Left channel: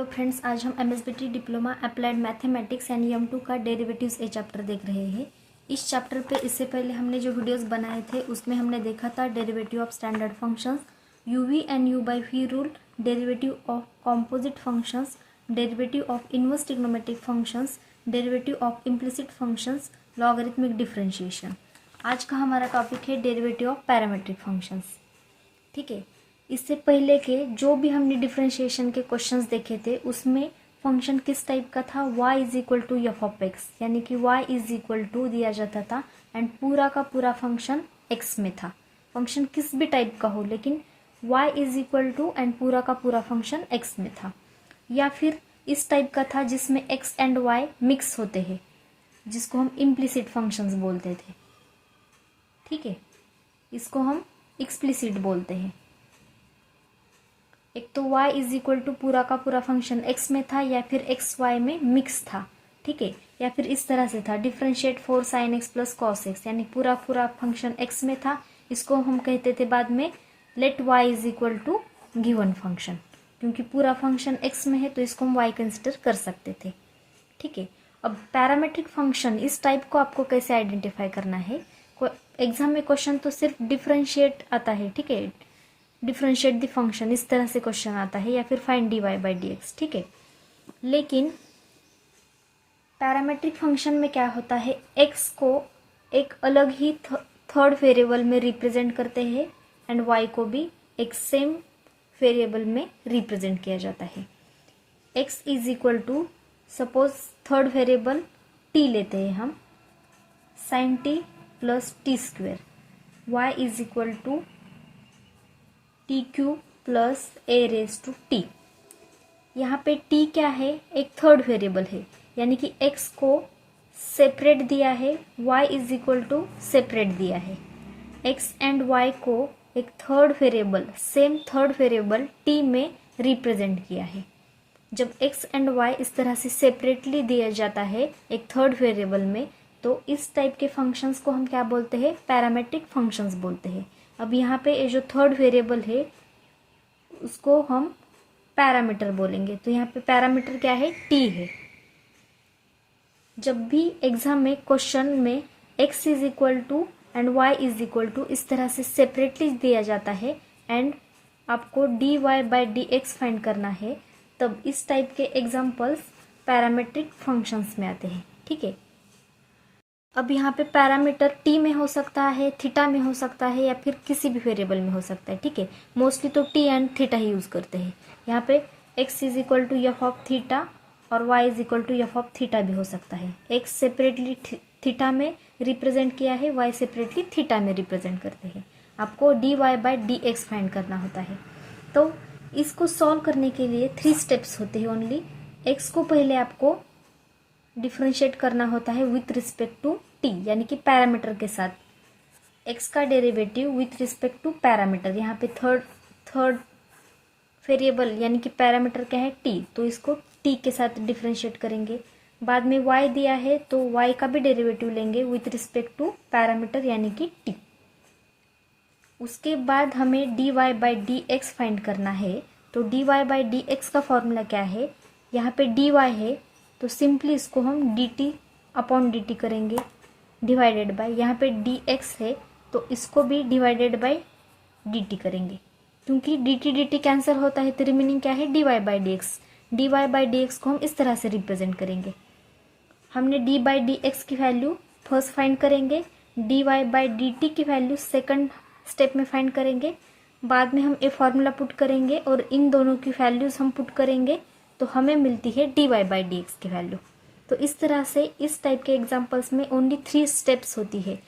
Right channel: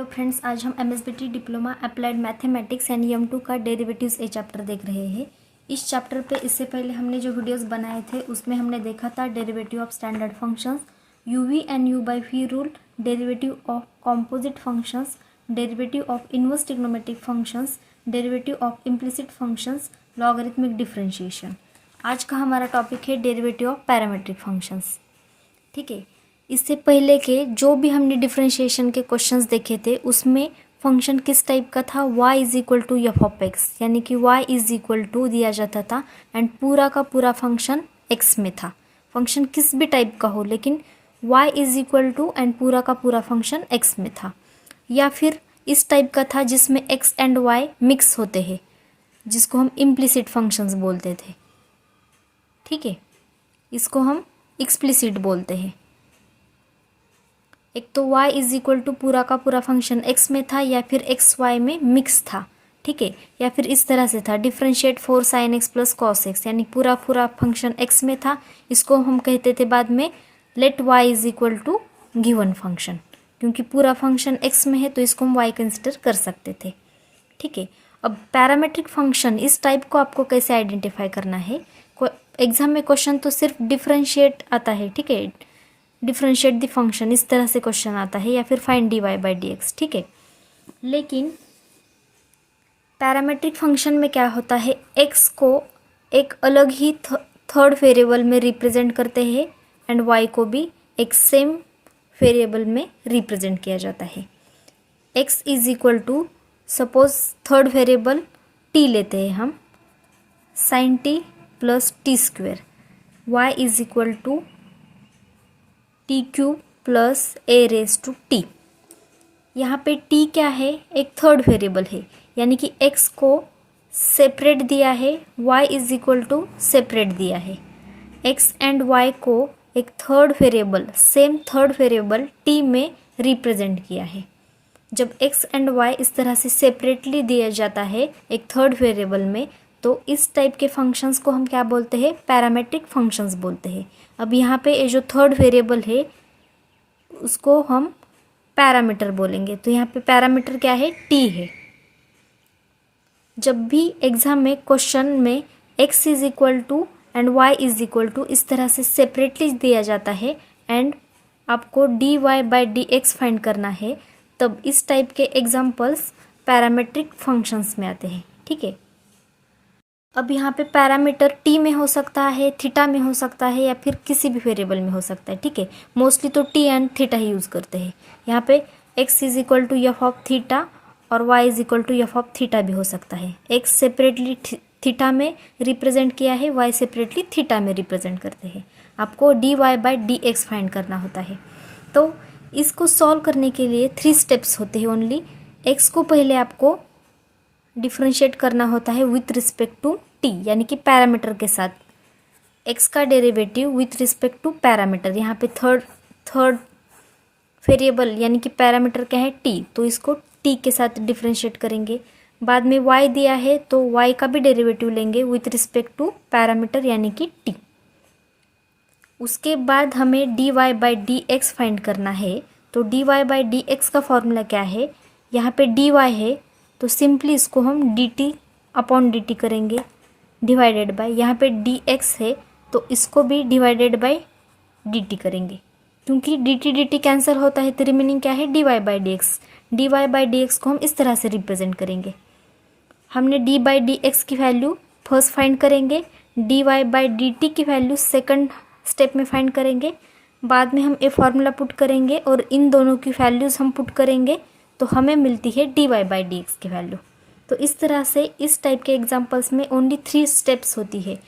Hello friends, आज हम MSBT diploma applied mathematics and EM2 का डेरिवेटिव्स ए चैप्टर देख रहे हैं। इस चैप्टर पे इससे पहले हमने जो वीडियोस बनाए थे उसमें हमने देखा था derivative of standard functions, UV and U/V rule, derivative of composite functions, derivative of inverse trigonometric functions, derivative of implicit functions, logarithmic differentiation. आज का हमारा टॉपिक है डेरिवेटिव ऑफ पैरामीट्रिक फंक्शंस। ठीक है, इससे पहले के जो भी हमने डिफरेंशिएशन के क्वेश्चंस देखे थे उसमें फंक्शन किस टाइप का था, y is equal to f of x, यानी कि y इज इक्वल टू दिया जाता था एंड पूरा का पूरा फंक्शन x में था। फंक्शन किस भी टाइप का हो लेकिन y is equal to and पूरा का पूरा फंक्शन x में था। या फिर इस टाइप का था जिसमें x एंड y मिक्स होते हैं, जिसको हम इम्प्लिसिट फंक्शंस बोलते थे। ठीक है, इसको हम एक्सप्लिसिट बोलते हैं। एक तो y इज इक्वल टू पूरा का पूरा फंक्शन x में था या फिर x y में मिक्स था। ठीक है, या फिर इस तरह से था differentiate 4 sin x plus cos x, यानी पूरा पूरा फंक्शन x में था। इसको हम कहते थे बाद में let y is equal to given function, क्योंकि पूरा फंक्शन x में है तो इसको हम y कंसिडर कर सकते थे। ठीक है, अब पैरामीट्रिक फंक्शन इस टाइप को आपको कैसे आइडेंटिफाई करना है। एग्जाम में क्वेश्चन तो सिर्फ डिफरेंशिएट आता है। ठीक है, डिफरेंशिएट द फंक्शन इस तरह से क्वेश्चन आता है, या फिर फाइंड dy/dx। ठीक है, लेकिन पैरामीट्रिक फंक्शन में क्या होता है, x को एक अलग ही थर्ड वेरिएबल में रिप्रेजेंट करते हैं एंड y को भी एक सेम वेरिएबल में रिप्रेजेंट किया जाता है। x is equal to suppose third variable t लेते हैं हम, sin t plus t square, y is equal to t q plus a raise to t. यहाँ पे t क्या है, एक थर्ड वेरिएबल है, यानी कि x को सेपरेट दिया है, y is equal to separate दिया है। x एंड y को एक third variable, same third variable t में रिप्रेजेंट किया है। जब x एंड y इस तरह से सेपरेटली दिया जाता है एक थर्ड वेरिएबल में, तो इस टाइप के फंक्शंस को हम क्या बोलते हैं, पैरामीट्रिक फंक्शंस बोलते हैं। अब यहाँ पे ये जो थर्ड वेरिएबल है उसको हम पैरामीटर बोलेंगे, तो यहाँ पे पैरामीटर क्या है, t है। जब भी एग्जाम में क्वेश्चन में x is equal to and y is equal to इस तरह से सेपरेटली दिया जाता है एंड आपको dy/dx फाइंड करना है, तब इस टाइप के एग्जाम्पल्स पैरामीट्रिक फंक्शंस में आते हैं। ठीक है, अब यहाँ पे पैरामीटर t में हो सकता है, थीटा में हो सकता है, या फिर किसी भी वेरिएबल में हो सकता है। ठीक है, मोस्टली तो t एंड थीटा ही यूज़ करते हैं। यहाँ पे x is equal to f of theta और y is equal to f of theta भी हो सकता है। x सेपरेटली थीटा में रिप्रेजेंट किया है, y सेपरेटली थीटा में रिप्रेजेंट करते हैं। आपको dy/dx फाइंड करना होता है। तो इसको सॉल्व करने के लिए 3 स्टेप्स होते हैं ओनली। x को पहले आपको डिफरेंशिएट करना होता है विथ रिस्पेक्ट टू t, यानी कि पैरामीटर के साथ। x का derivative with respect to parameter, यहाँ पे थर्ड वेरिएबल यानी कि पैरामीटर क्या है, t, तो इसको t के साथ डिफरेंशिएट करेंगे। बाद में y दिया है तो y का भी डेरिवेटिव लेंगे विथ रिस्पेक्ट टू पैरामीटर यानी कि t। उसके बाद हमें dy/dx फाइंड करना है। तो dy/dx का फॉर्मूला क्या है, यहाँ पे dy है तो सिंपली इसको हम dt/dt करेंगे डिवाइडेड बाय, यहाँ पे dx है तो इसको भी डिवाइडेड बाय dt करेंगे, क्योंकि dt कैंसिल होता है तो रिमेनिंग क्या है, dy/dx। dy/dx को हम इस तरह से रिप्रेजेंट करेंगे। हमने d/dx की वैल्यू फर्स्ट फाइंड करेंगे, dy/dt की वैल्यू सेकंड स्टेप में फाइंड करेंगे। बाद में हम ये फार्मूला पुट करेंगे और इन दोनों की वैल्यूज़ हम पुट करेंगे तो हमें मिलती है dy/dx की वैल्यू। तो इस तरह से इस टाइप के एग्जांपल्स में ओनली 3 स्टेप्स होती है।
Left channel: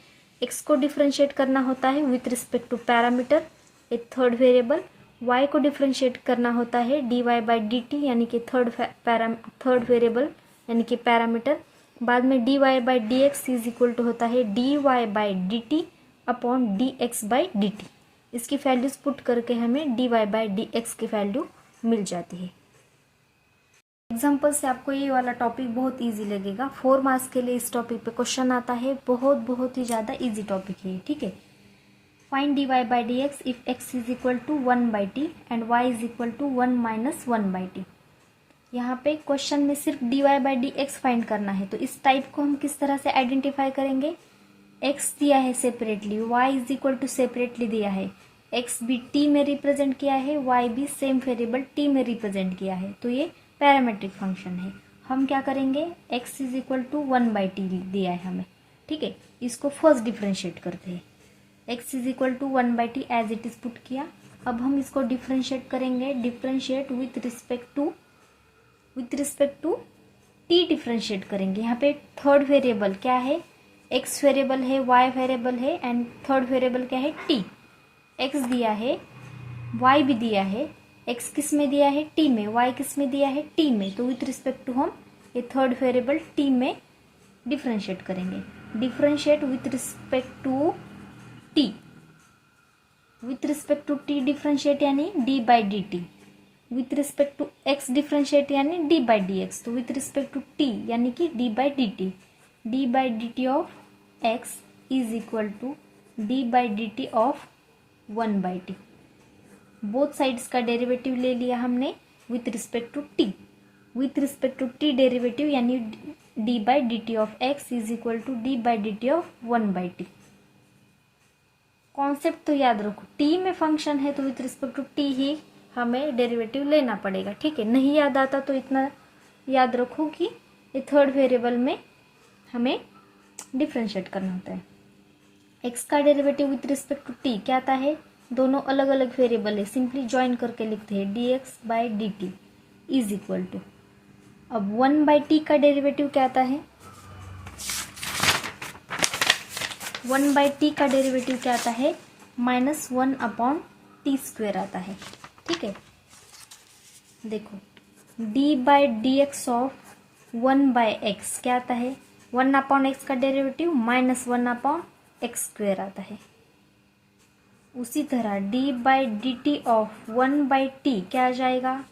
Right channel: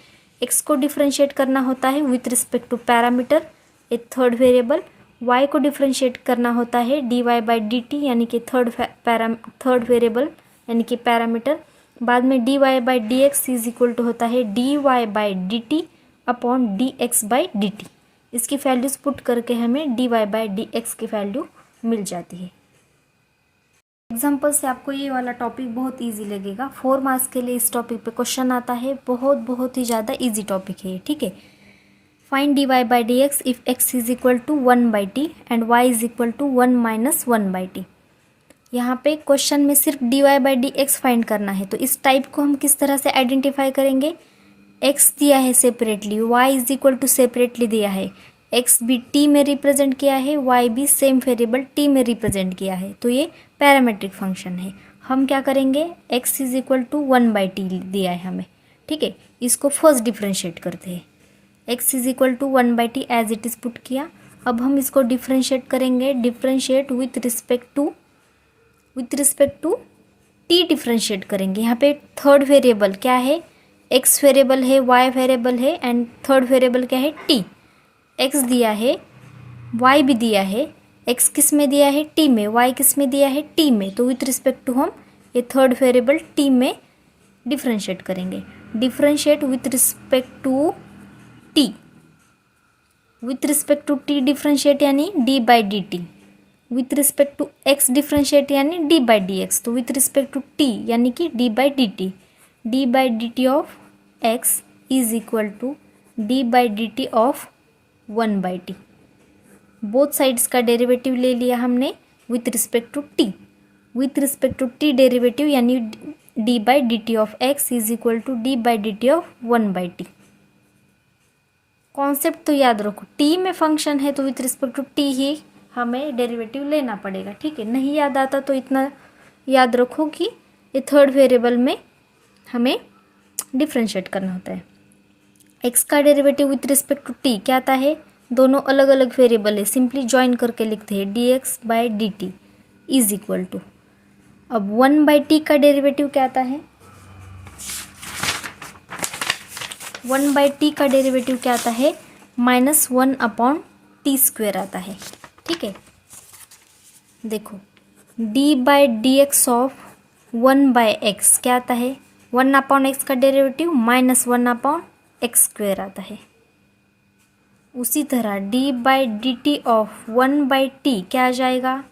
x को डिफरेंशिएट करना होता है विथ रिस्पेक्ट टू पैरामीटर, एक थर्ड वेरिएबल। y को डिफरेंशिएट करना होता है dy/dt यानी कि थर्ड वेरिएबल यानी कि पैरामीटर। बाद में dy/dx इज इक्वल टू होता है dy/dt अपॉन dx/dt। इसकी वैल्यूज पुट करके हमें dy/dx की वैल्यू मिल जाती है। एग्जाम्पल से आपको ये वाला टॉपिक बहुत इजी लगेगा। 4 मार्क्स के लिए इस टॉपिक पे क्वेश्चन आता है, बहुत ही ज़्यादा इजी टॉपिक है। ठीक है, find dy/dx if x is equal to 1/t and y is equal to 1 - 1/t। यहाँ पे क्वेश्चन में सिर्फ dy by d x find करना है, तो इस टाइप को हम किस तरह से आइडेंटिफाई करेंगे? x दिया है separately, y is equal to separately दिया है, x भी t में रिप्रेजेंट किया है, y भी सेम वेरिएबल t में रिप्रेजेंट किया है, तो ये पैरामेट्रिक फंक्शन है। हम क्या करेंगे? x is equal to 1/t दिया है हमें, ठीक है, इसको फर्स्ट डिफ्रेंशिएट करते हैं। x is equal to 1/t as it is put किया। अब हम इसको डिफ्रेंशिएट करेंगे, differentiate with respect to t differentiate करेंगे। यहाँ पे थर्ड वेरिएबल क्या है? x वेरिएबल है, y वेरिएबल है एंड थर्ड वेरिएबल क्या है? t। x दिया है, y भी दिया है, x किस में दिया है? t में, y किस में दिया है? t में, तो विथ रिस्पेक्ट टू हम ये थर्ड वेरिएबल t में डिफ्रेंशिएट करेंगे। Differentiate with respect to t, with respect to t differentiate यानी d by d t, with respect to x differentiate यानी d बाई डी एक्स, तो with respect to t यानी कि d by d t, d by d t of x is equal to d by d t of 1/t। Both sides का derivative ले लिया हमने with respect to t, with respect to t derivative यानी d by d t of x is equal to d by d t of 1/t। Concept तो याद रखो, t में function है तो विथ रिस्पेक्ट टू t ही हमें derivative लेना पड़ेगा, ठीक है। नहीं याद आता तो इतना याद रखो कि ये थर्ड वेरिएबल में हमें डिफ्रेंशिएट करना होता है। x का derivative with respect to t क्या आता है? दोनों अलग अलग वेरिएबल है, सिंपली ज्वाइन करके लिखते हैं dx by d t is equal to, अब 1/t का डेरिवेटिव क्या आता है? 1/t का डेरिवेटिव क्या आता है? -1/t² आता है, ठीक है। देखो d by d x of 1/x क्या आता है? 1/x का डेरिवेटिव -1/x² आता है। उसी तरह d by d t of 1/t क्या आ जाएगा?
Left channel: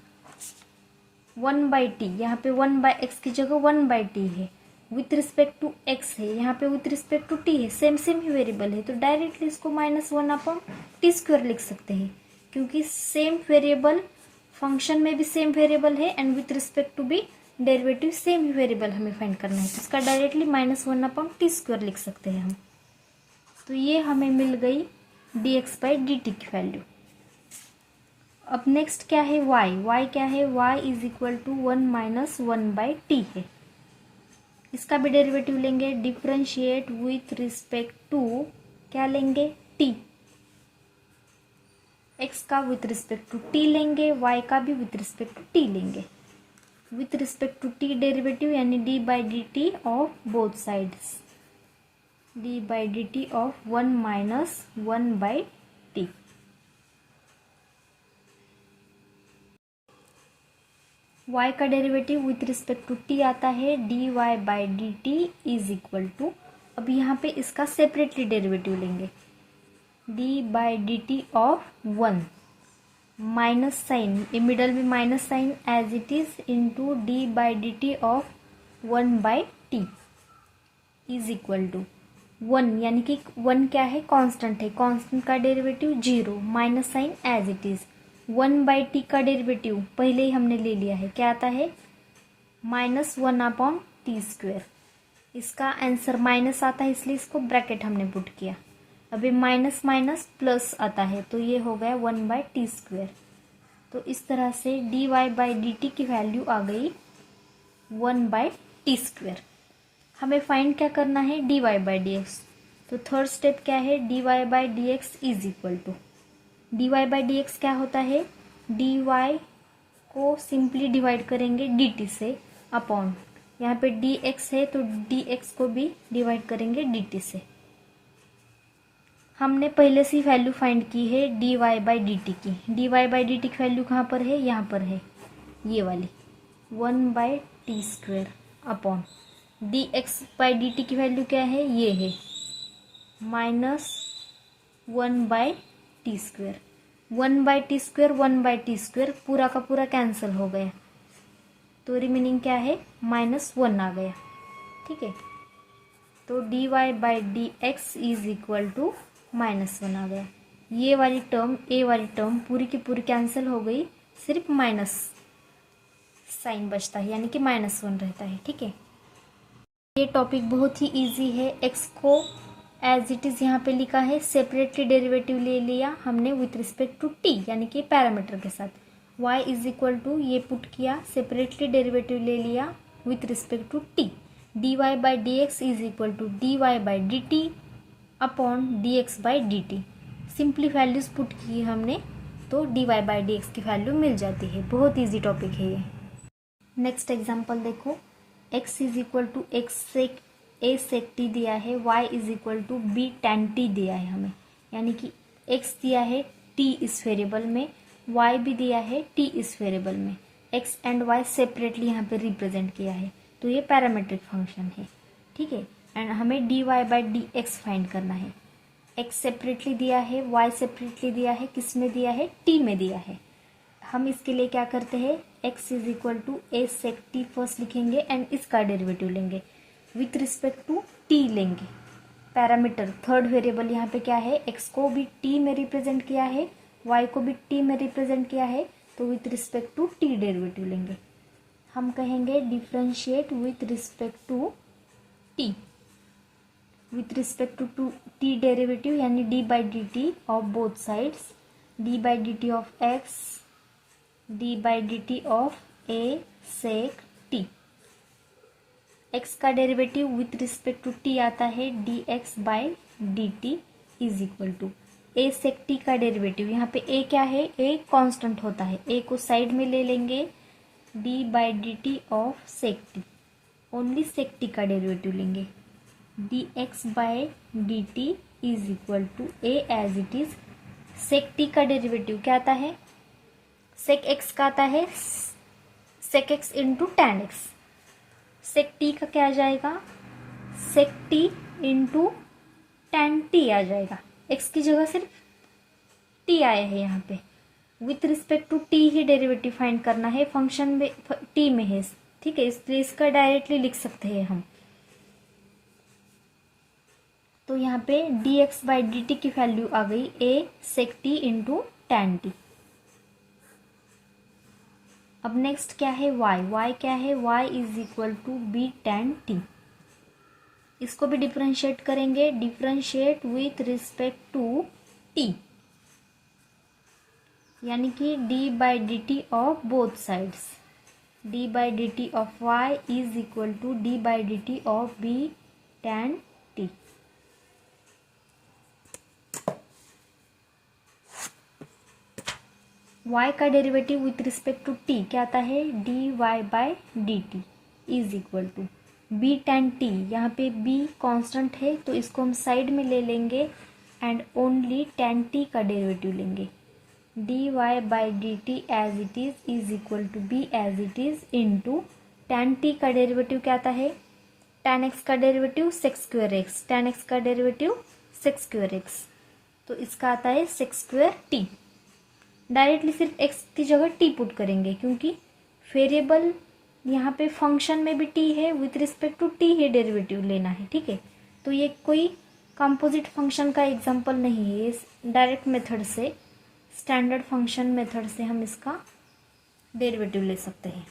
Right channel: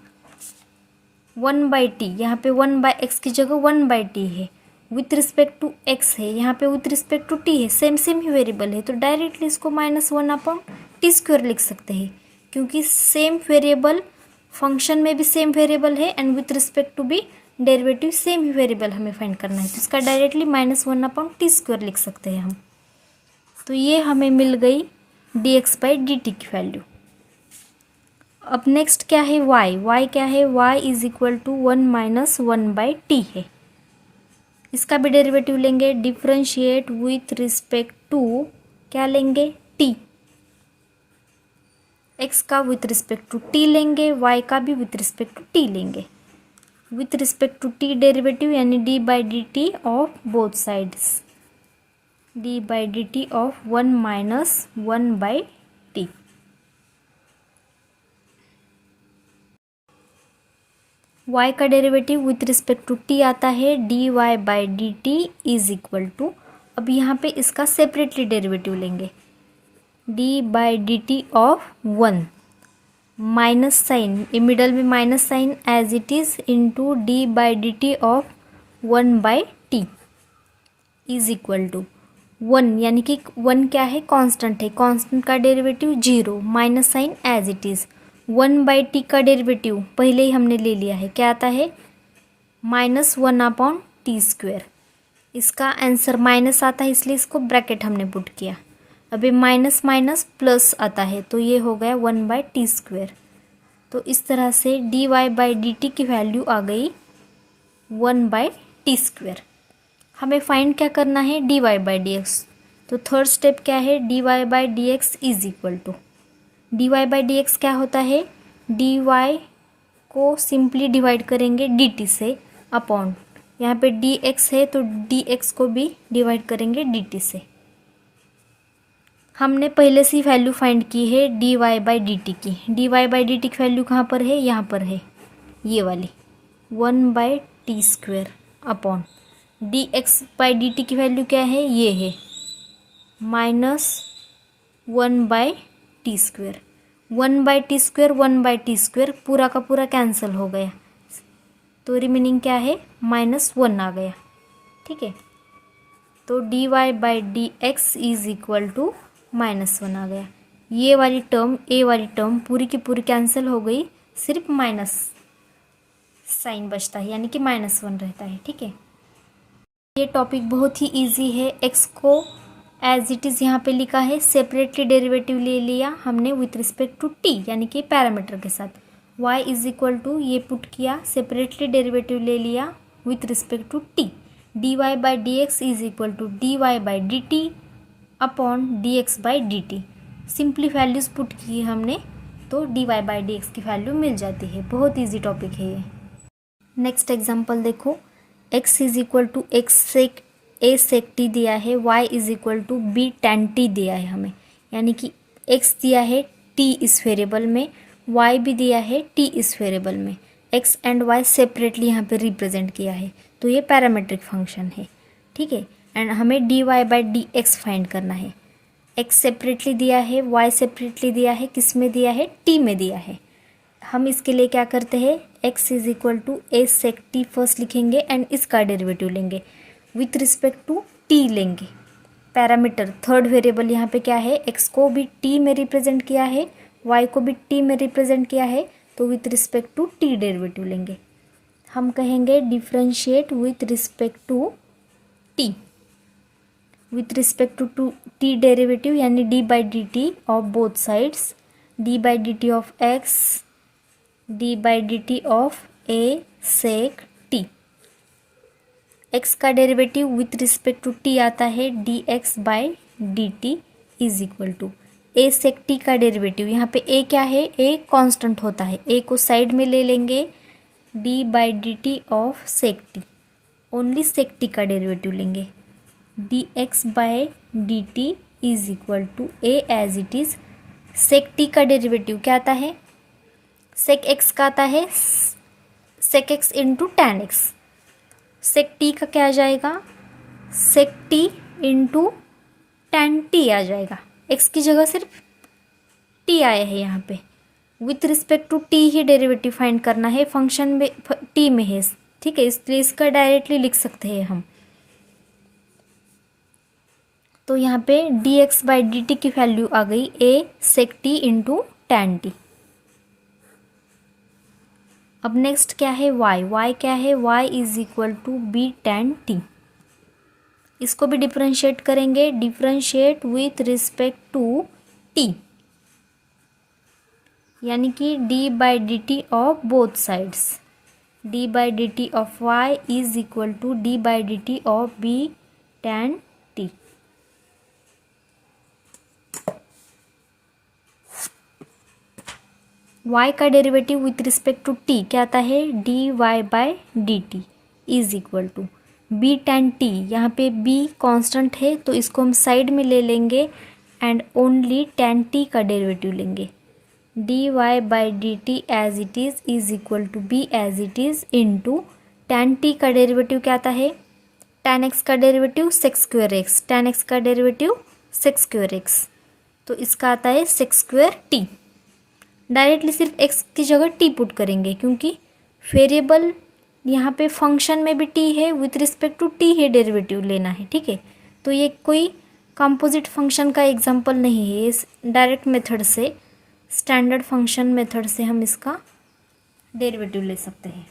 1/t, यहाँ पे 1/x की जगह 1/t है, विथ रिस्पेक्ट टू x है, यहाँ पे विथ रिस्पेक्ट टू t है, सेम सेम ही वेरिएबल है, तो डायरेक्टली इसको -1/t² लिख सकते हैं, क्योंकि सेम वेरिएबल फंक्शन में भी सेम वेरिएबल है एंड विथ रिस्पेक्ट टू भी डेरिवेटिव सेम ही वेरिएबल हमें फाइंड करना है, तो इसका डायरेक्टली -1/t² लिख सकते हैं हम। तो ये हमें मिल गई dx बाई डी टी की वैल्यू। अब नेक्स्ट क्या है? y क्या है? y is equal to 1-1/t है। इसका भी डेरिवेटिव लेंगे, डिफ्रेंशिएट विथ रिस्पेक्ट टू क्या लेंगे? t। x का विथ रिस्पेक्ट टू t लेंगे, y का भी विथ रिस्पेक्ट टू t लेंगे, with respect to t derivative यानी d by d t of both sides, d by d t of 1-1/t। y का derivative with respect to t आता है dy by d t is equal to, अब यहाँ पे इसका separately derivative लेंगे, d by d t of 1 minus sign, middle में minus sign as it is into d by d t of 1/t is equal to 1, यानी कि 1 क्या है? कांस्टेंट है, कांस्टेंट का derivative 0, minus sign as it is, 1/t का derivative पहले ही हमने ले लिया है, क्या आता है? -1/t²। इसका आंसर माइनस आता है इसलिए इसको ब्रैकेट हमने पुट किया, अभी माइनस माइनस प्लस आता है तो ये हो गया 1/t²। तो इस तरह से dy बाई डी टी की वैल्यू आ गई 1/t²। हमें फाइंड क्या करना है? dy by d x. तो थर्ड स्टेप क्या है? dy by d x is equal to, dy by d x क्या होता है? dy को सिंपली डिवाइड करेंगे dt से अपॉन, यहाँ पे dx है तो dx को भी डिवाइड करेंगे dt से। हमने पहले से वैल्यू फाइंड की है dy बाई डी टी की, dy बाई डी टी की वैल्यू कहाँ पर है? यहाँ पर है, ये वाली 1/t² upon dx by d t की वैल्यू क्या है? ये है -1/t²। 1/t² पूरा का पूरा कैंसिल हो गया, तो रिमेनिंग क्या है? -1 आ गया, ठीक है। तो dy by d x is equal to -1 आ गया। ये वाली टर्म, ए वाली टर्म पूरी की पूरी कैंसिल हो गई, सिर्फ माइनस साइन बचता है, यानी कि -1 रहता है। ठीक है, ये टॉपिक बहुत ही इजी है। एक्स को एज इट इज़ यहाँ पे लिखा है, सेपरेटली डेरिवेटिव ले लिया हमने विथ रिस्पेक्ट टू टी, यानी कि पैरामीटर के साथ। y इज इक्वल टू, ये पुट किया, सेपरेटली डेरिवेटिव ले लिया with respect to t. D y by d x is equal to d y by d t upon d x by d t. Simply values put की हमने, तो d y by d x की value मिल जाती है। बहुत easy topic है ये। नेक्स्ट एग्जाम्पल देखो, x is equal to x sec a sec T दिया है, y is equal to b tan t दिया है हमें, यानी कि x दिया है t इस वेरिएबल में, y भी दिया है t इस वेरिएबल में। x एंड y सेपरेटली यहाँ पे रिप्रेजेंट किया है, तो ये पैरामेट्रिक फंक्शन है। ठीक है, एंड हमें d y by d x find करना है। x सेपरेटली दिया है, y सेपरेटली दिया है, किस में दिया है, t में दिया है। हम इसके लिए क्या करते हैं, x is equal to a sec t first लिखेंगे एंड इसका डेरिवेटिव लेंगे, विथ रिस्पेक्ट टू t लेंगे। पैरामीटर थर्ड वेरिएबल यहाँ पे क्या है, x को भी t में रिप्रेजेंट किया है, y को भी t में रिप्रेजेंट किया है, तो with respect to t derivative लेंगे। हम कहेंगे differentiate with respect to t, with respect to t derivative, यानी d by d t of both sides, d by d t of x, d by d t of a sec t. x का derivative with respect to t आता है d x by d t is equal to a sec t का derivative, यहाँ पे a क्या है, a constant होता है, a को साइड में ले लेंगे, d by d t of sec t, only sec t का डेरिवेटिव लेंगे, d x by d t is equal to a as it is. Sec t का डेरिवेटिव क्या आता है, सेक एक्स का आता है sec x into tan x. Sec t का क्या आ जाएगा, sec t into tan t आ जाएगा, एक्स की जगह सिर्फ टी आया है यहाँ पे। विथ रिस्पेक्ट टू टी ही डेरिवेटिव फाइंड करना है, फंक्शन में टी में है। ठीक है, इसलिए इसका डायरेक्टली लिख सकते हैं हम। तो यहाँ पे d x by d t की वैल्यू आ गई a sec t into tan t. अब नेक्स्ट क्या है, y क्या है, y is equal to b tan t. इसको भी डिफ्रेंशिएट करेंगे, differentiate with respect to t, यानी कि d by d t of both sides, d by d t of y is equal to d by d t of b tan t. y का derivative with respect to t क्या आता है, d y by d t is equal to b tan t. यहाँ पे b constant है, तो इसको हम साइड में ले लेंगे एंड ओनली टेन टी का डेरिवेटिव लेंगे, d y by d t as it is equal to b as it is into tan t का डेरिवेटिव क्या आता है, टेन एक्स का derivative sec square x, tan x का derivative sec square x, तो इसका आता है सेक स्क्वेयर टी। डायरेक्टली सिर्फ x की जगह t पुट करेंगे, क्योंकि वेरिएबल यहाँ पे फंक्शन में भी t है, विथ रिस्पेक्ट टू t ही डेरिवेटिव लेना है। ठीक है, तो ये कोई कंपोजिट फंक्शन का एग्जांपल नहीं है, इस डायरेक्ट मेथड से, स्टैंडर्ड फंक्शन मेथड से हम इसका डेरिवेटिव ले सकते हैं।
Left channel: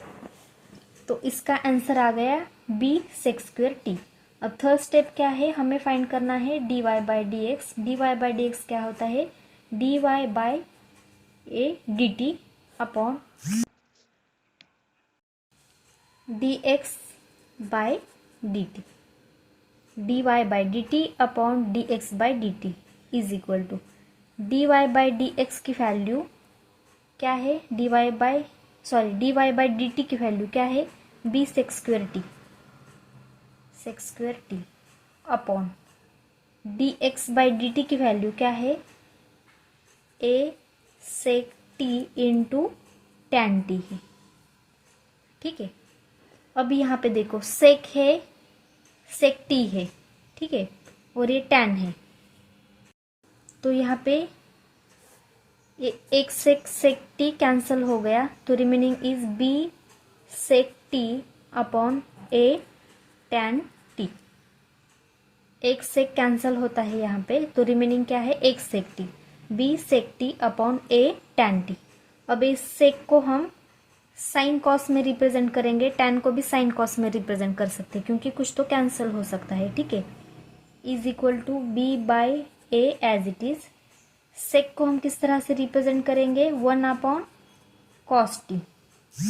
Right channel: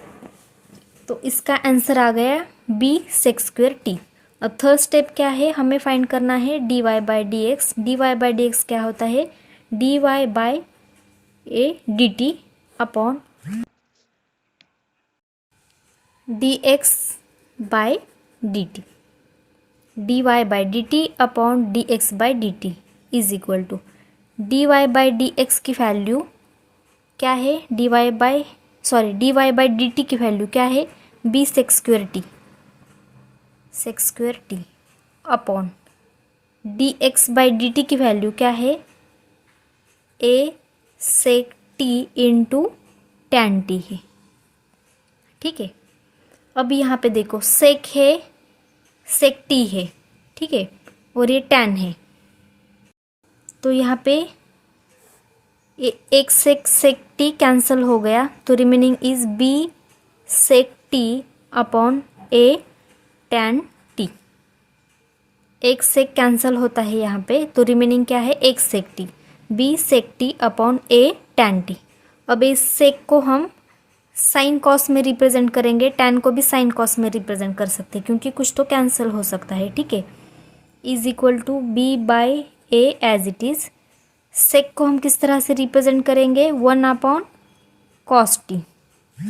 तो इसका आंसर आ गया b सेक स्क्वेयर टी। अब थर्ड स्टेप क्या है, हमें फाइंड करना है d y by d x. D y by d x क्या होता है, d y by a d t upon d x by d t, d y by d t upon d x by d t is equal to d y by d x की value क्या है, d y by d t की value क्या है, b sec square t upon d x by d t की value क्या है, a sec t into tan t है। ठीक है, अब यहाँ पे देखो सेक है, सेक टी है, ठीक है, और ये टैन है, तो यहाँ पे एक सेक टी कैंसिल हो गया, तो remaining is b sec t upon a tan t. एक सेक कैंसिल होता है यहाँ पे, तो रिमेनिंग क्या है, एक सेक T, B sec t upon a tan t. अब इस सेक को हम साइन कॉस में रिप्रेजेंट करेंगे, tan को भी साइन कॉस में रिप्रेजेंट कर सकते हैं क्योंकि कुछ तो कैंसिल हो सकता है, ठीक है। Is equal to b by a as it is. Sec को हम किस तरह से रिप्रेजेंट करेंगे, 1 cos t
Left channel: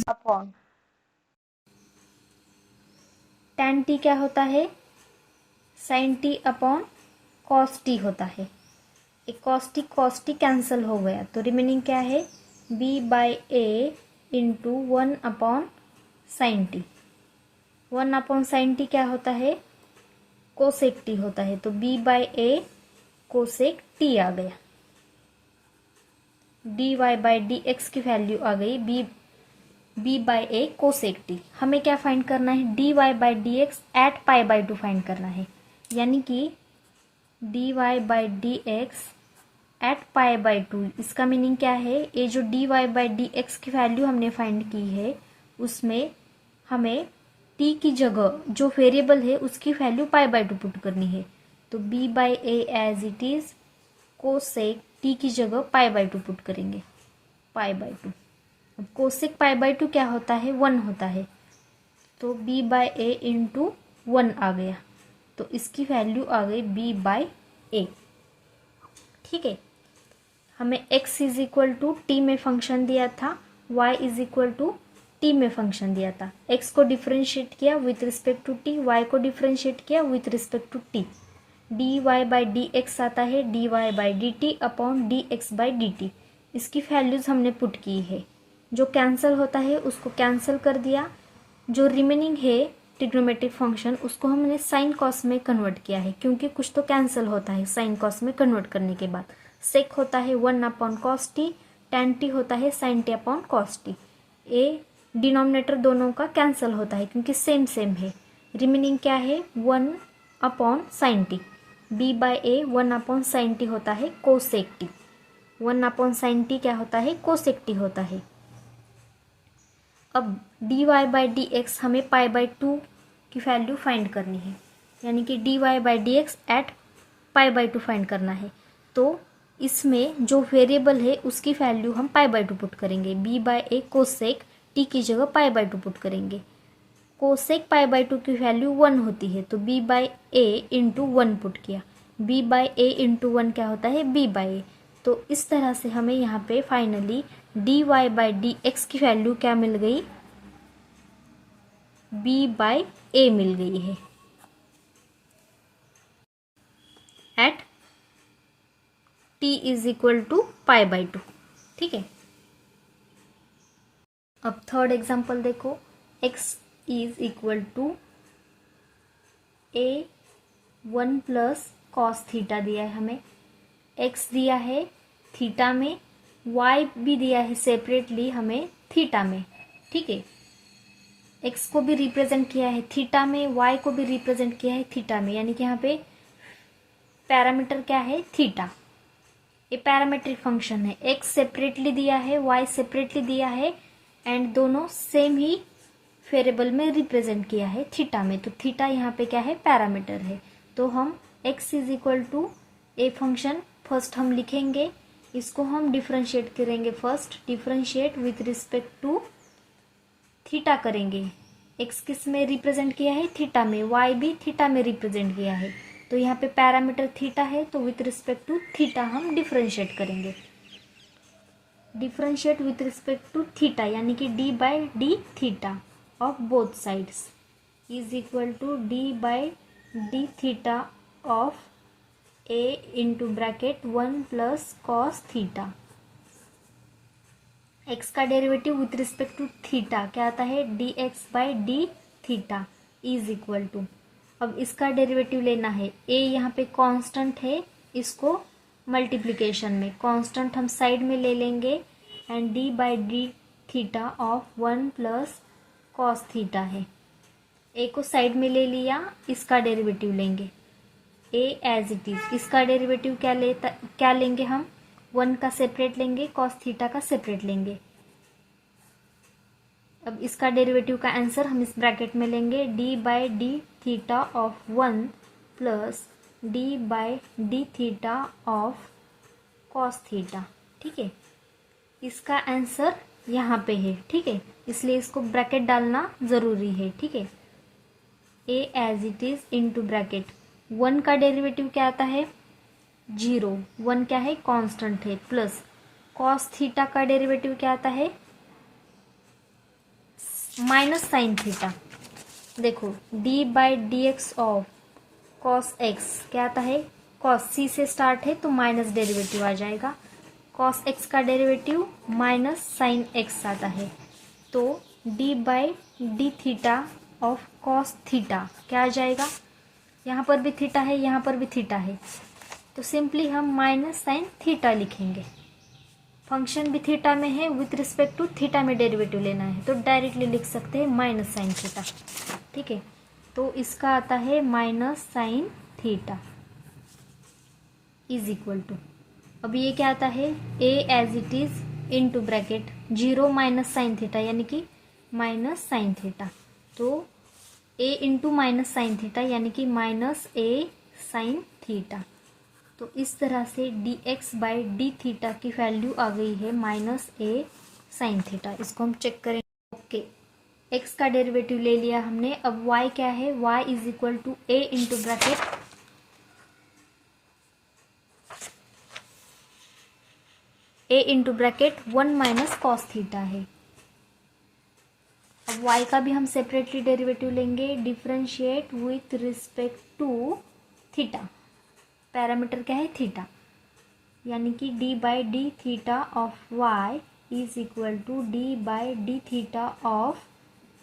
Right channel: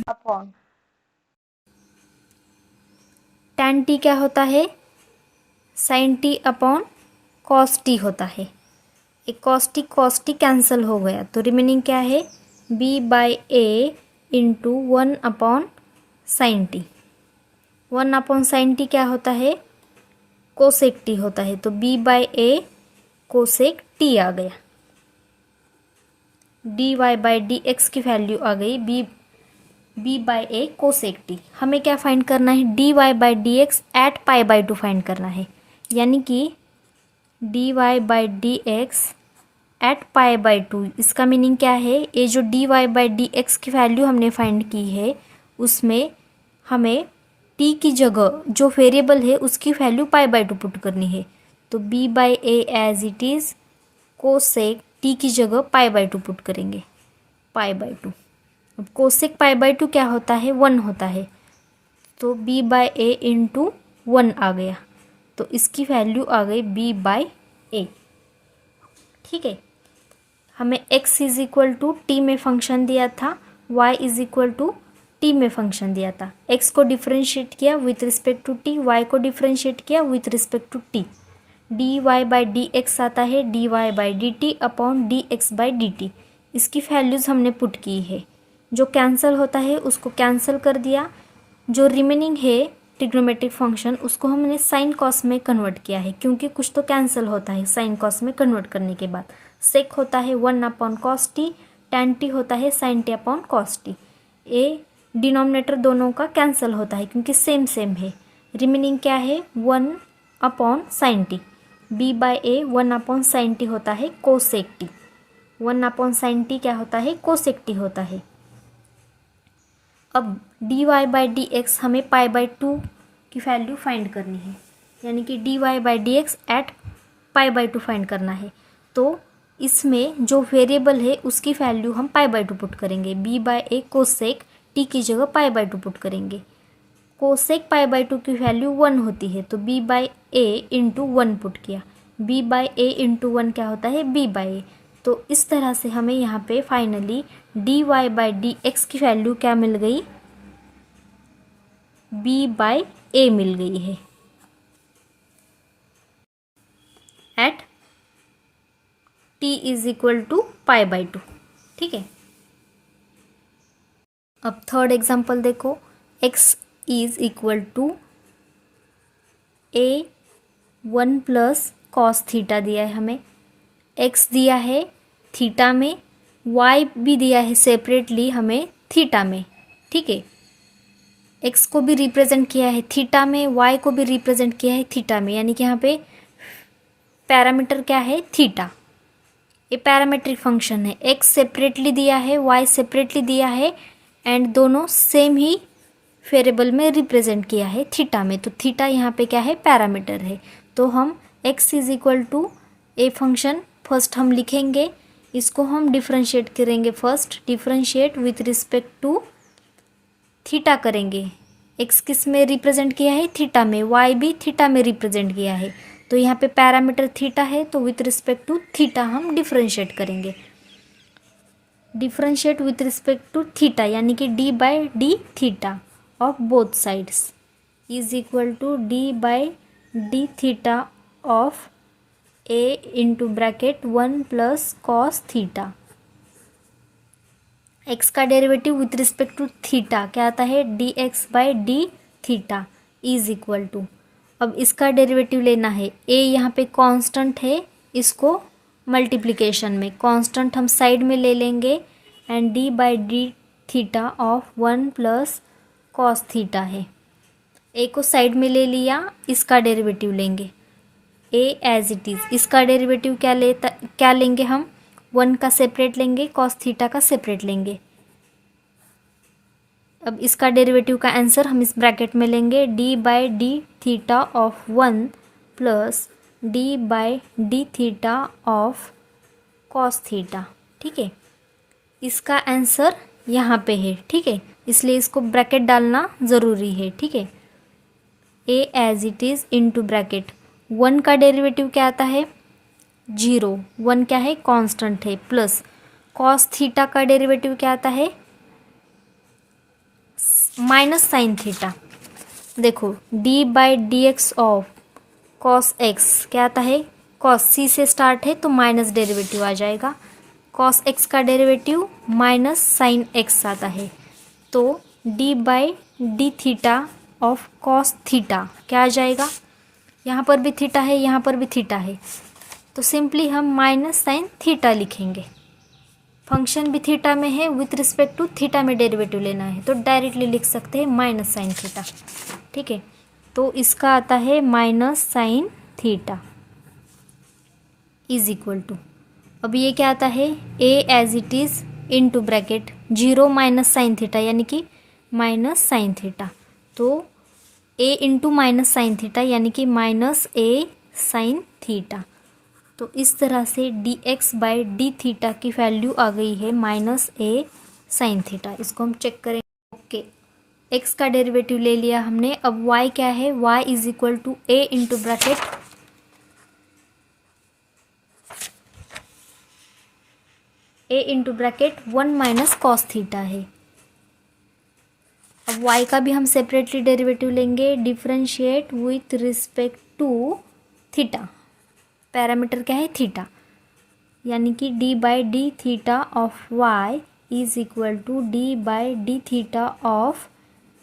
upon tan t क्या होता है, sin t upon cos t होता है। एक cos t कैंसिल हो गया तो रिमेनिंग क्या है, b by A into 1/sin t। 1/sin t क्या होता है, कोसेक t होता है, तो b by a cosec t आ गया। dy बाई डी एक्स की वैल्यू आ गई b by a cosec t। हमें क्या फाइंड करना है, dy by d x at pi by 2 find करना है, यानी कि dy by d x at pi by 2। इसका मीनिंग क्या है, ये जो dy बाई डी एक्स की वैल्यू हमने फाइंड की है उसमें हमें t की जगह जो वेरिएबल है उसकी वैल्यू पाई बाई 2 पुट करनी है। तो b by a as it is cosec t की जगह पाई बाई 2 पुट करेंगे, पाई बाई 2। अब कोसेक पाई बाई 2 क्या होता है, 1 होता है, तो b बाई ए इंटू 1 आ गया, तो इसकी वैल्यू आ गई b बाई ए, ठीक है। हमें x is equal to t में फंक्शन दिया था, y is equal to t में फंक्शन दिया था। x को डिफ्रेंशिएट किया with respect to t, y को डिफ्रेंशिएट किया with respect to t। dy by d x आता है dy by d t upon d x by d t. इसकी वैल्यूज़ हमने पुट की है, जो कैंसिल होता है उसको कैंसिल कर दिया, जो रिमेनिंग है ट्रिग्नोमेट्रिक फंक्शन उसको हमने साइन कॉस में कन्वर्ट किया है क्योंकि कुछ तो कैंसिल होता है साइन कॉस में कन्वर्ट करने के बाद। सेक होता है 1/cos t, tan t होता है sin t upon cos t। ए डिनोमिनेटर दोनों का कैंसिल होता है क्योंकि सेम सेम है। रिमेनिंग क्या है, 1/sin t। b by A 1/sin t होता है कोसेक t। 1/sin t क्या होता है, कोसेक t होता है। अब dy बाई डी एक्स हमें पाई बाई 2 की वैल्यू फाइंड करनी है, यानी कि dy by d x at pi by 2 find करना है। तो इसमें जो वेरिएबल है उसकी वैल्यू हम पाई बाई 2 पुट करेंगे, b by a cosec t की जगह पाई बाई 2 पुट करेंगे। कोसेक पाई बाई 2 की वैल्यू 1 होती है, तो b by A into 1 put किया, b बाई ए इंटू 1 क्या होता है, b बाई ए। तो इस तरह से हमें यहाँ पे finally dy by d x की वैल्यू क्या मिल गई, b बाई ए मिल गई है at t is equal to pi by 2, ठीक है। अब थर्ड एग्जांपल देखो, x is equal to a 1 plus cos theta दिया है हमें, x दिया है थीटा में, y भी दिया है सेपरेटली हमें थीटा में, ठीक है। x को भी रिप्रेजेंट किया है थीटा में, y को भी रिप्रेजेंट किया है थीटा में, यानी कि यहाँ पे पैरामीटर क्या है, थीटा। ये पैरामेट्रिक फंक्शन है, x सेपरेटली दिया है, y सेपरेटली दिया है एंड दोनों सेम ही वेरिएबल में रिप्रेजेंट किया है थीटा में, तो थीटा यहाँ पे क्या है, पैरामीटर है। तो हम x is equal to a function first हम लिखेंगे, इसको हम डिफ्रेंशिएट करेंगे, first differentiate with respect to theta करेंगे। x किस में रिप्रेजेंट किया है, थीटा में, y भी थीटा में रिप्रेजेंट किया है, तो यहाँ पे पैरामीटर थीटा है, तो विथ रिस्पेक्ट टू थीटा हम डिफ्रेंशिएट करेंगे। Differentiate with respect to theta यानी कि d by d theta of both sides is equal to d by d theta of a into bracket 1 plus cos theta. x का derivative with respect to theta क्या आता है, d x by d theta is equal to, अब इसका derivative लेना है, a यहाँ पे कांस्टेंट है, इसको मल्टीप्लिकेशन में कांस्टेंट हम साइड में ले लेंगे and d by d theta of 1 plus cos theta है। a को साइड में ले लिया, इसका डेरिवेटिव लेंगे a एज इट इज़। इसका डेरिवेटिव क्या लेंगे हम, 1 का सेपरेट लेंगे, कॉस थीटा का सेपरेट लेंगे। अब इसका डेरिवेटिव का आंसर हम इस ब्रैकेट में लेंगे, d by d theta of 1 plus d by d theta of cos theta, ठीक है। इसका आंसर यहाँ पे है, ठीक है, इसलिए इसको ब्रैकेट डालना ज़रूरी है, ठीक है। A as it is into bracket, 1 का डेरिवेटिव क्या आता है 0, 1 क्या है कांस्टेंट है, प्लस कॉस थीटा का डेरिवेटिव क्या आता है माइनस साइन थीटा। देखो D by d x of cos x क्या आता है कॉस सी से स्टार्ट है तो माइनस डेरिवेटिव आ जाएगा, कॉस एक्स का डेरिवेटिव माइनस साइन एक्स आता है, तो D by d theta of cos theta क्या आ जाएगा, यहाँ पर भी थीटा है यहाँ पर भी थीटा है, तो सिंपली हम माइनस साइन थीटा लिखेंगे। फंक्शन भी थीटा में है, विथ रिस्पेक्ट टू थीटा में डेरिवेटिव लेना है तो डायरेक्टली लिख सकते हैं माइनस साइन थीटा, ठीक है। तो इसका आता है minus sine theta is equal to, अब ये क्या आता है a as it is into bracket 0 minus sine theta यानी कि माइनस साइन थीटा, तो a into minus sine theta यानी कि माइनस ए साइन थीटा। तो इस तरह से D x by d theta की वैल्यू आ गई है माइनस ए साइन थीटा। इसको हम चेक करें। ओके, एक्स का डेरिवेटिव ले लिया हमने, अब वाई क्या है, y is equal to a into bracket a into bracket 1 minus cos theta है। अब y का भी हम सेपरेटली डेरिवेटिव लेंगे, differentiate with respect to theta, parameter क्या है थीटा, यानी कि d by d theta of y is equal to d by d theta of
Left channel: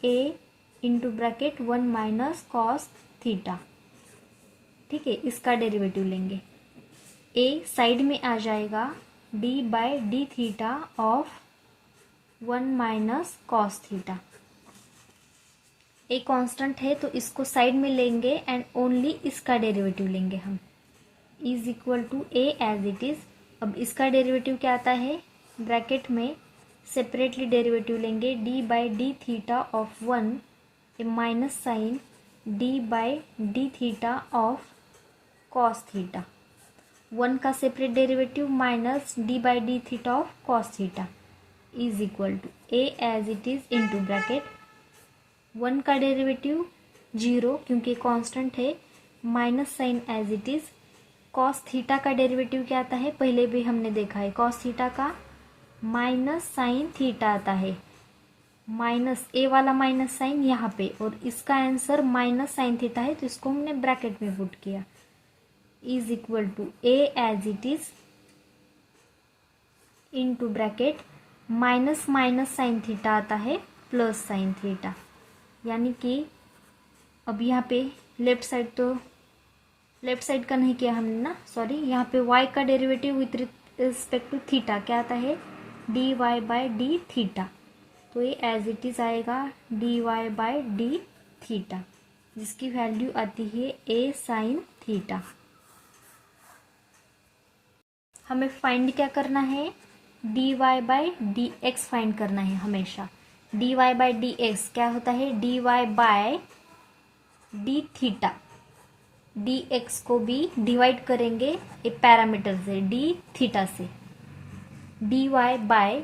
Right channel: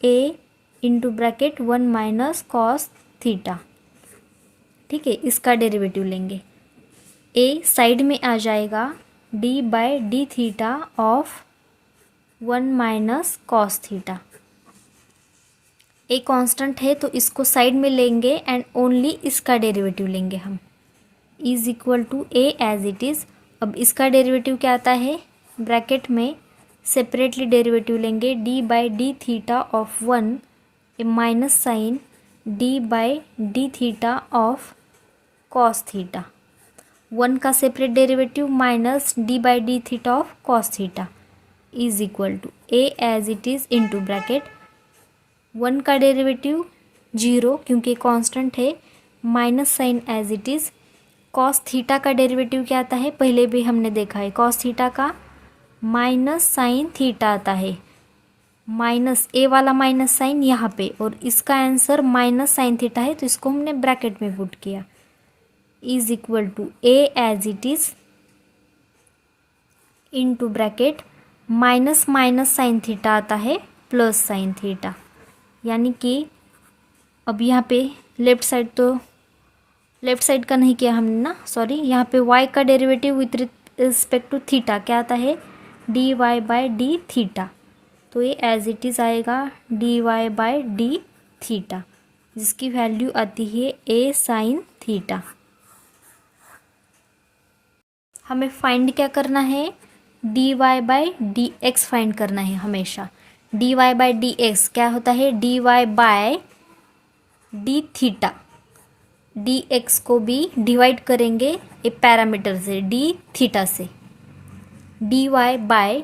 a into bracket 1 minus cos theta, ठीक है। इसका डेरिवेटिव लेंगे, a साइड में आ जाएगा d by d theta of 1 minus cos theta, a constant है तो इसको side में लेंगे एंड ओनली इसका डेरिवेटिव लेंगे हम, is equal to a as it is. अब इसका डेरिवेटिव क्या आता है, ब्रैकेट में सेपरेटली डेरिवेटिव लेंगे d by d theta of 1 a minus sine d by d theta of cos theta, 1 का separate derivative minus d by d theta of cos theta is equal to a as it is into bracket 1 का derivative 0 क्योंकि constant है, minus sign as it is, cos theta का derivative क्या आता है पहले भी हमने देखा है, कॉस थीटा का माइनस साइन थीटा आता है, माइनस ए वाला माइनस साइन यहाँ पे, और इसका आंसर माइनस साइन थीटा है तो इसको हमने ब्रैकेट में पुट किया, is equal to a as it is into bracket minus minus sine theta आता है प्लस साइन थीटा, यानी कि अब यहाँ पे लेफ्ट साइड का नहीं किया हमने ना, सॉरी, यहाँ पे y का derivative with respect to theta क्या आता है d y by d theta, तो ये एज इट इज़ आएगा d y by d theta, जिसकी वैल्यू आती है ए साइन थीटा। हमें फाइंड क्या करना है, d y by d x find करना है हमेशा। D y by d x क्या होता है, d y by d theta, d x को भी डिवाइड करेंगे ए पैरामीटर से डी थीटा से, d y by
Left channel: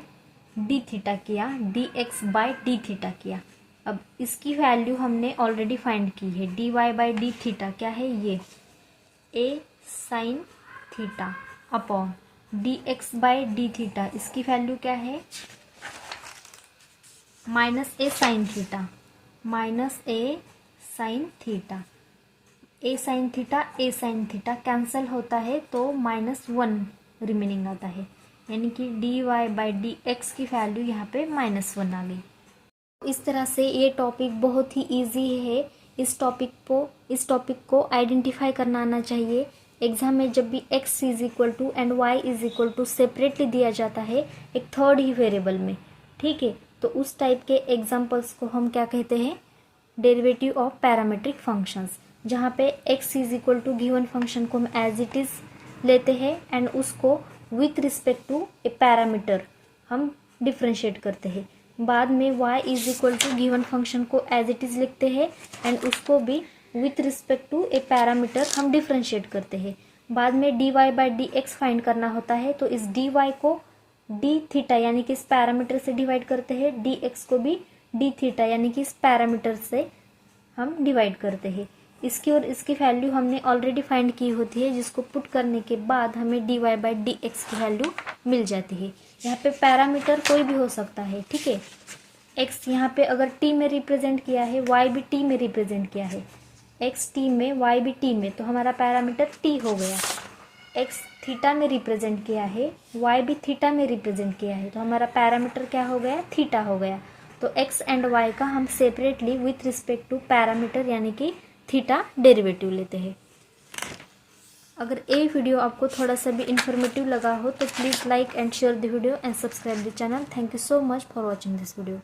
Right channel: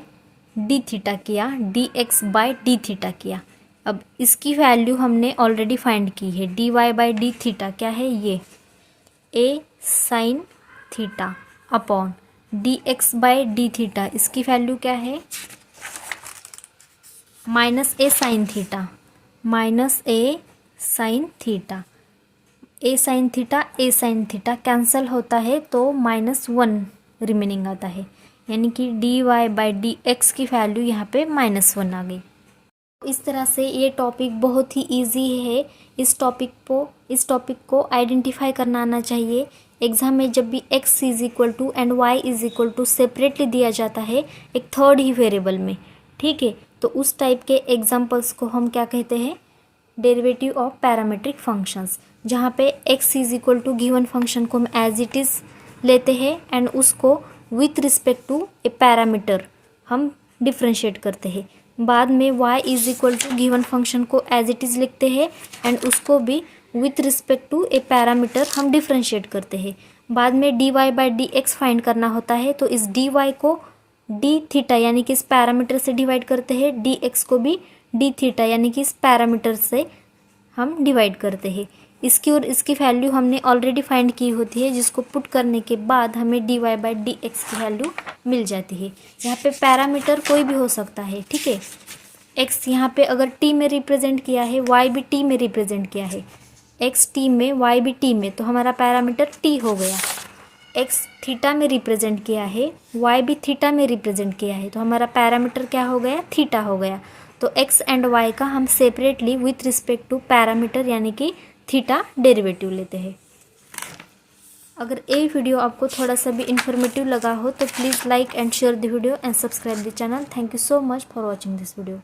d theta किया, d x by d theta किया। अब इसकी वैल्यू हमने ऑलरेडी फाइंड की है, d y by d theta क्या है ये a sine theta upon d x by d theta, इसकी वैल्यू क्या है minus a sine theta, minus a sine theta, a sine theta cancel होता है तो -1 रिमेनिंग आता है, यानी कि d y by d x की वैल्यू यहाँ पे -1 आ गई। इस तरह से ये टॉपिक बहुत ही इजी है, इस टॉपिक को आइडेंटिफाई करना आना चाहिए। एग्ज़ाम में जब भी x is equal to and y is equal to separately दिया जाता है एक थर्ड ही वेरिएबल में, ठीक है, तो उस टाइप के एग्जाम्पल्स को हम क्या कहते हैं, डेरिवेटिव ऑफ पैरामीट्रिक फंक्शंस, जहाँ पे x is equal to given function को हम एज इट इज़ लेते हैं एंड उसको with respect to a parameter हम डिफ्रेंशिएट करते हैं, बाद में y is equal to given function को एज इट इज़ लिखते हैं एंड उसको भी with respect to a parameter हम डिफ्रेंशिएट करते हैं, बाद में d y by d x find करना होता है, तो इस डी वाई को डी थीटा यानी कि इस पैरामीटर से डिवाइड करते हैं, डी एक्स को भी डी थीटा यानी कि इस पैरामीटर से हम डिवाइड करते हैं। इसकी और इसकी वैल्यू हमने ऑलरेडी फाइंड की होती है, जिसको पुट करने के बाद हमें d y by d x की वैल्यू मिल जाती है। यहाँ पे पैरामीटर कोई भी हो सकता है, ठीक है। एक्स यहाँ पे अगर टी में रिप्रेजेंट किया है, वाई भी टी में रिप्रेजेंट किया है, एक्स टी में वाई भी टी में, तो हमारा पैरामीटर टी हो गया। एक्स थीटा में रिप्रेजेंट किया है, वाई भी थीटा में रिप्रेजेंट किया है, तो हमारा पैरामीटर क्या हो गया, थीटा हो गया। तो एक्स एंड वाई का हम separately with respect to parameter यानी कि थीटा डेरिवेटिव लेते हैं। अगर ये वीडियो आपको थोड़ा सा भी इन्फॉर्मेटिव लगा हो तो please like and share the video and subscribe the channel. Thank you so much for watching this video.